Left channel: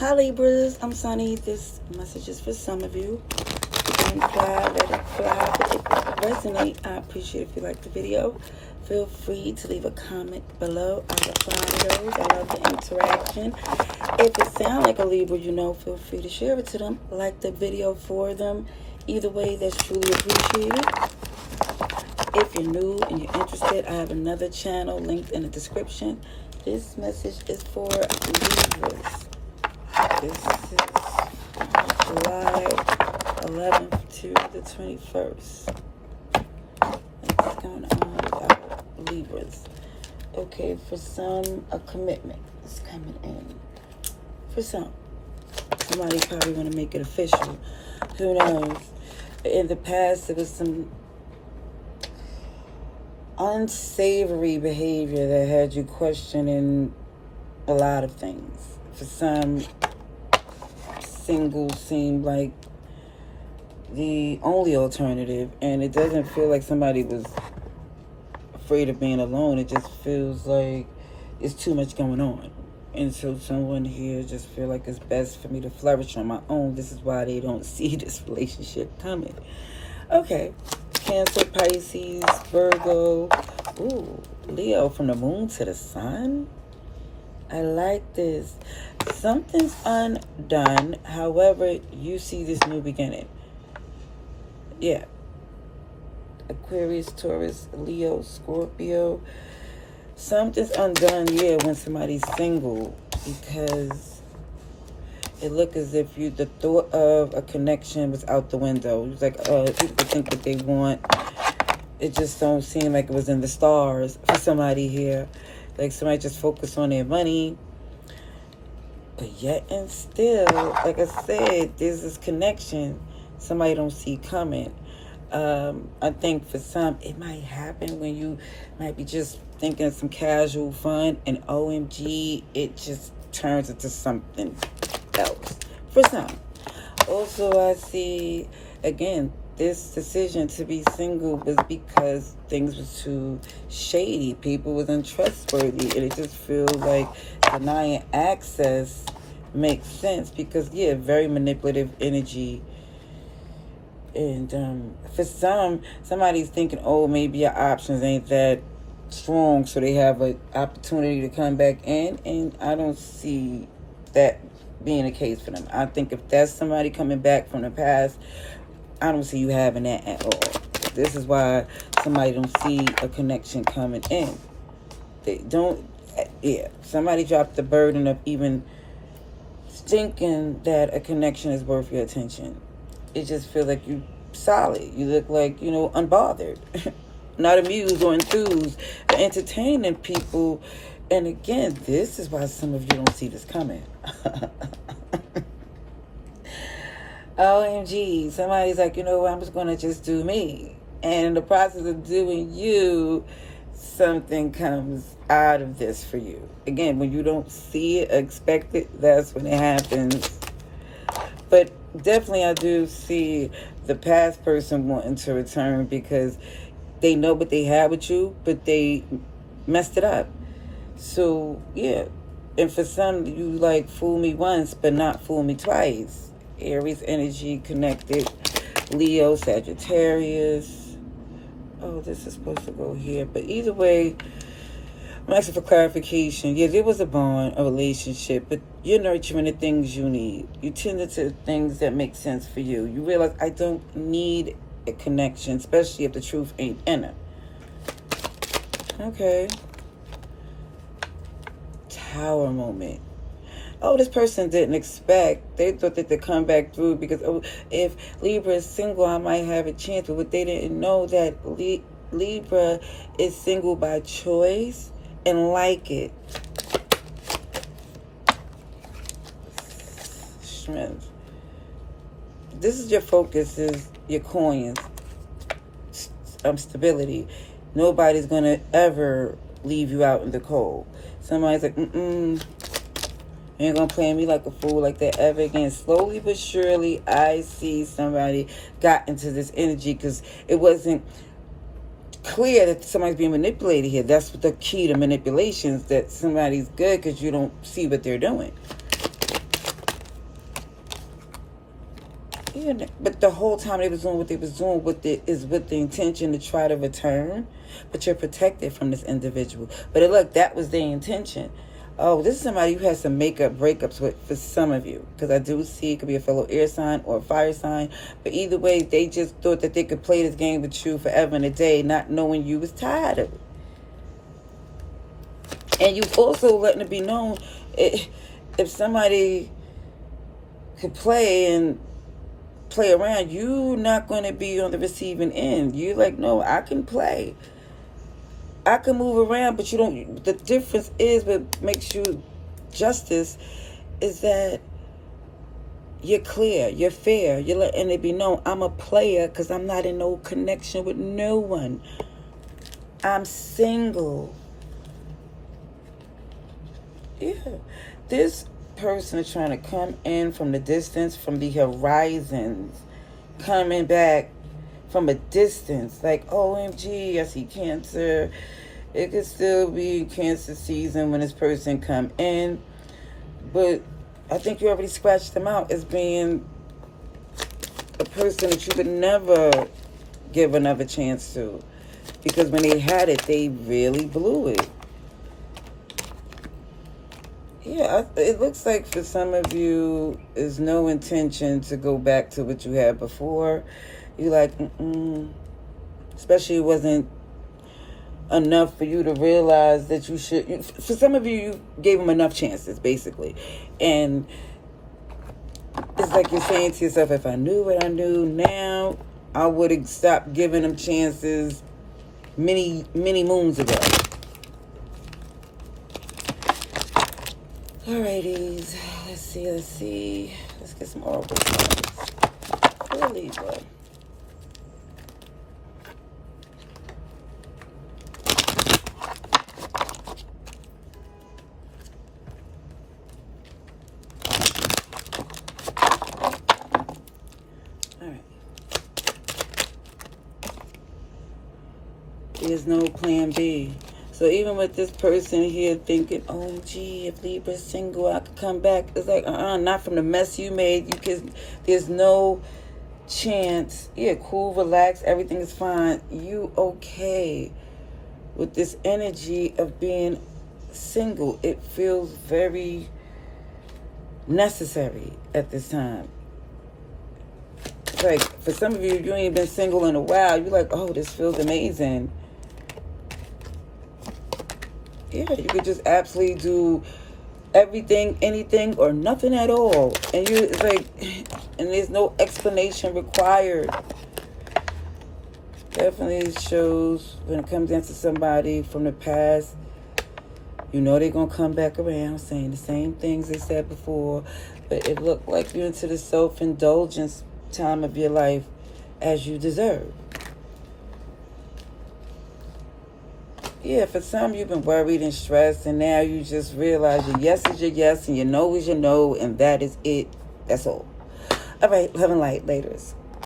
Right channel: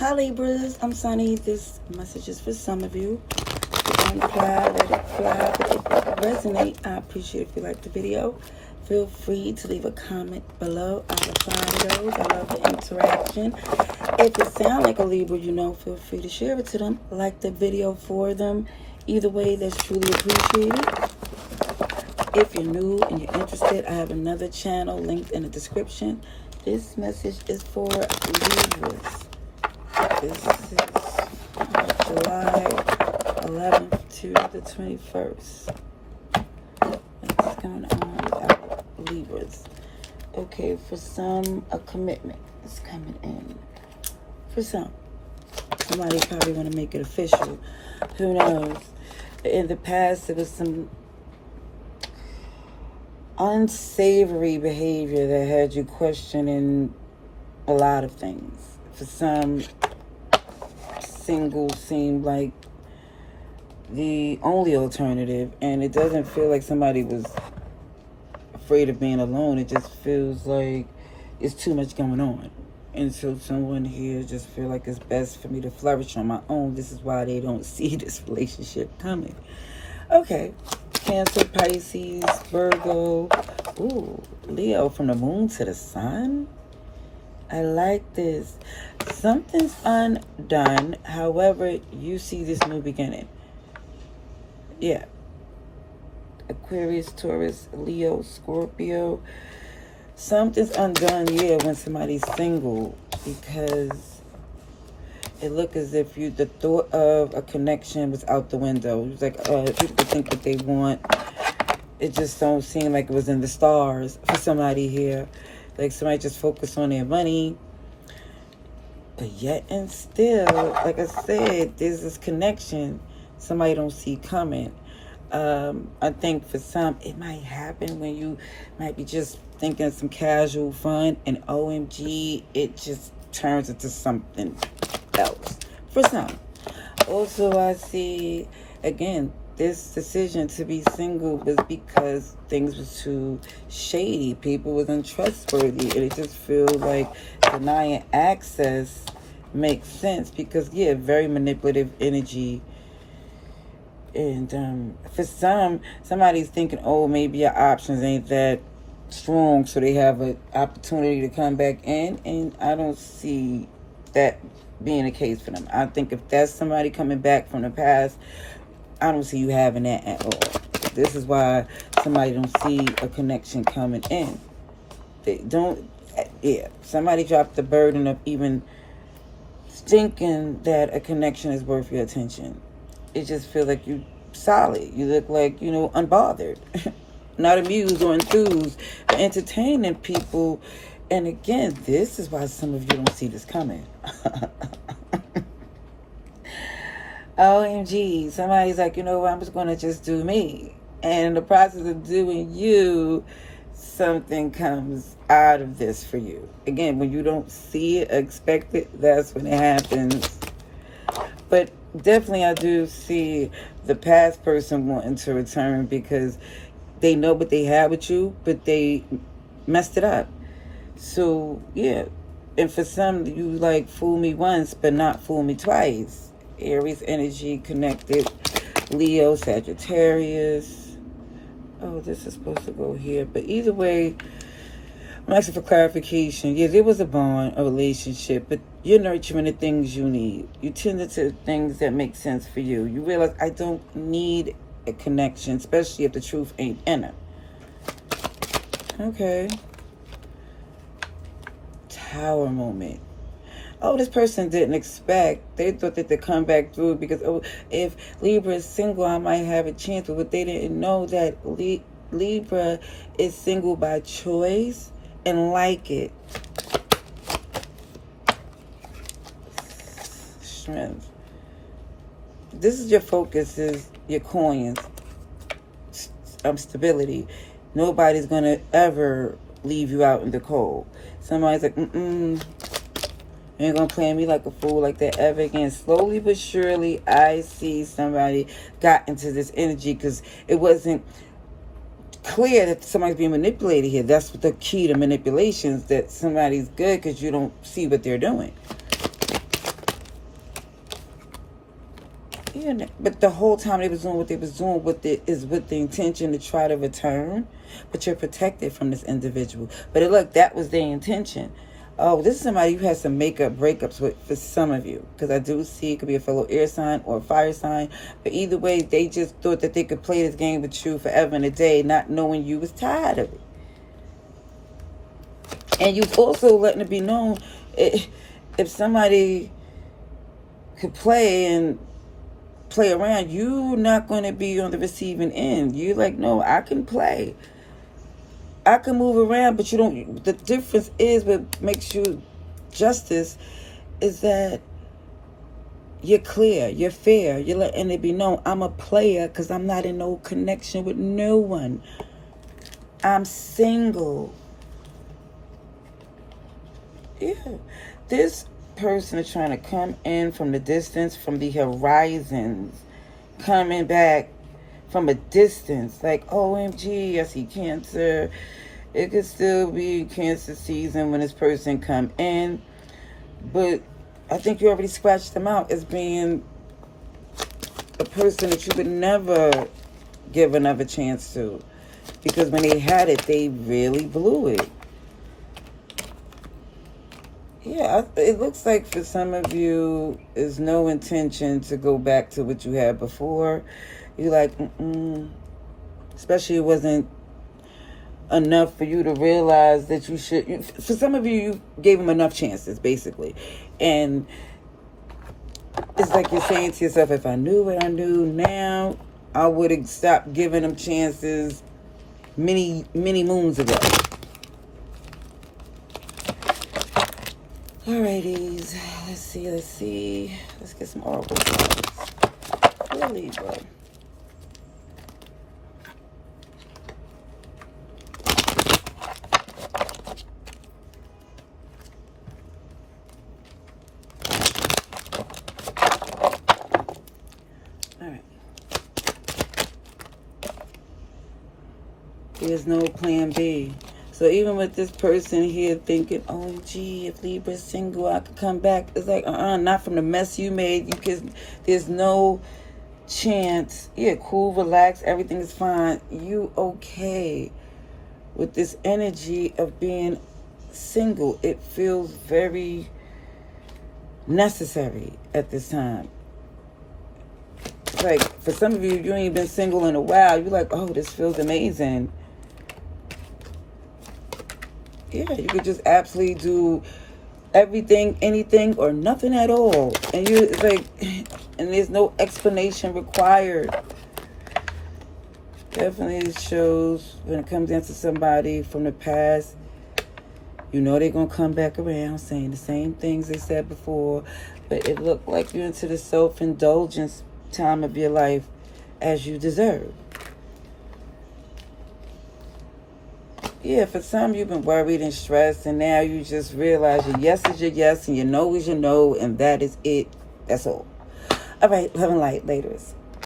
Hi Libras, I'm Sunny. This message is for some of you. It can fly, let it fly, but if it resonate, I appreciate if you like the video. Feel free to leave a comment below. I reply to those. I love the interaction. If it sounds like a Libra, feel free to share it to them. Like the video for them. Either way, that's truly appreciated. If you're new and you're interested, I have another channel linked in the description. This message is for Libras. This is July 11th to the 21st. What's going on with our Libras? Okay, for some, a commitment is coming in. For some. Somebody probably want to make it official. Who knows? In the past, there was some unsavory behavior that had you questioning a lot of things. For some, single seemed like the only alternative, and it doesn't feel like somebody was afraid of being alone. It just feels like it's too much going on, and so someone here just feel like it's best for me to flourish on my own. This is why they don't see this relationship coming. Okay, Cancer, Pisces, Virgo, ooh, Leo, from the moon to the sun. I like this. Something's undone. However, you see this new beginning. Yeah. Aquarius, Taurus, Leo, Scorpio. Something's undone, yeah, when somebody's single, because it looked as if the thought of a connection was out the window. It was like, people think what they want. It just don't seem like it was in the stars for somebody here. Like somebody just focused on their money. But yet and still, like I said, there's this connection somebody don't see coming. I think for some, it might happen when you might be just thinking of some casual fun, and OMG, it just turns into something else. For some. Also, I see, again, this decision to be single was because things was too shady. People was untrustworthy. And it just feels like denying access makes sense because, yeah, very manipulative energy. And for somebody's thinking, oh, maybe your options ain't that strong, so they have an opportunity to come back in. And I don't see that being the case for them. I think if that's somebody coming back from the past, I don't see you having that at all. This is why somebody don't see a connection coming in. They don't, yeah. Somebody dropped the burden of even thinking that a connection is worth your attention. It just feels like you solid. You look like, unbothered. Not amused or enthused, but entertaining people. And again, this is why some of you don't see this coming. OMG, somebody's like, I'm just going to just do me. And in the process of doing you, something comes out of this for you. Again, when you don't see it, expect it, that's when it happens. But definitely I do see the past person wanting to return because they know what they have with you, but they messed it up. So, yeah. And for some, you like fool me once, but not fool me twice. Aries energy connected. Leo, Sagittarius. Oh, this is supposed to go here. But either way, I'm asking for clarification. Yeah, there was a bond, a relationship, but you're nurturing the things you need. You tend to things that make sense for you. You realize, I don't need a connection, especially if the truth ain't in it. Okay. Tower moment. Oh, this person didn't expect. They thought that they'd come back through because, if Libra is single, I might have a chance. But they didn't know that Libra is single by choice and like it. Strength. This is your focus, is your coins. Stability. Nobody's going to ever leave you out in the cold. Somebody's like, you ain't gonna play me like a fool like that ever again. Slowly but surely, I see somebody got into this energy because it wasn't clear that somebody's being manipulated here. That's the key to manipulations, that somebody's good because you don't see what they're doing. Yeah, but the whole time they was doing what they was doing with it is with the intention to try to return, but you're protected from this individual. But look, that was their intention. Oh, this is somebody you had some breakups with for some of you. Because I do see it could be a fellow air sign or a fire sign. But either way, they just thought that they could play this game with you forever and a day, not knowing you was tired of it. And you've also letting it be known, if somebody could play around, you're not going to be on the receiving end. You're like, no, I can play. I can move around, but you don't. The difference is what makes you justice is that you're clear, you're fair, you're letting it be known. I'm a player because I'm not in no connection with no one. I'm single. Yeah, this person is trying to come in from the distance, from the horizons, coming back from a distance, like, OMG, I see Cancer. It could still be Cancer season when this person come in, but I think you already scratched them out as being a person that you could never give another chance to, because when they had it, they really blew it. Yeah, it looks like for some of you, there's no intention to go back to what you had before. You're like, especially it wasn't enough for you to realize that you should. For some of you, you gave them enough chances, basically. And it's like you're saying to yourself, if I knew what I knew now, I would have stopped giving them chances many moons ago. Alrighties, let's see. Let's get some oracle cards. For Libra. Alright. There's no plan B. So even with this person here thinking, oh, gee, if Libra's single, I could come back. It's like, not from the mess you made. There's no chance. Yeah, cool, relax, everything is fine. You okay with this energy of being single. It feels very necessary at this time. It's like, for some of you, you ain't been single in a while. You're like, oh, this feels amazing. Yeah, you could just absolutely do everything, anything, or nothing at all. And it's like, and there's no explanation required. Definitely shows when it comes into somebody from the past, you know they're going to come back around saying the same things they said before. But it looked like you're into the self-indulgence time of your life as you deserve. Yeah, for some, you've been worried and stressed, and now you just realize your yes is your yes, and your no is your no, and that is it. That's all. All right, love and light, laters.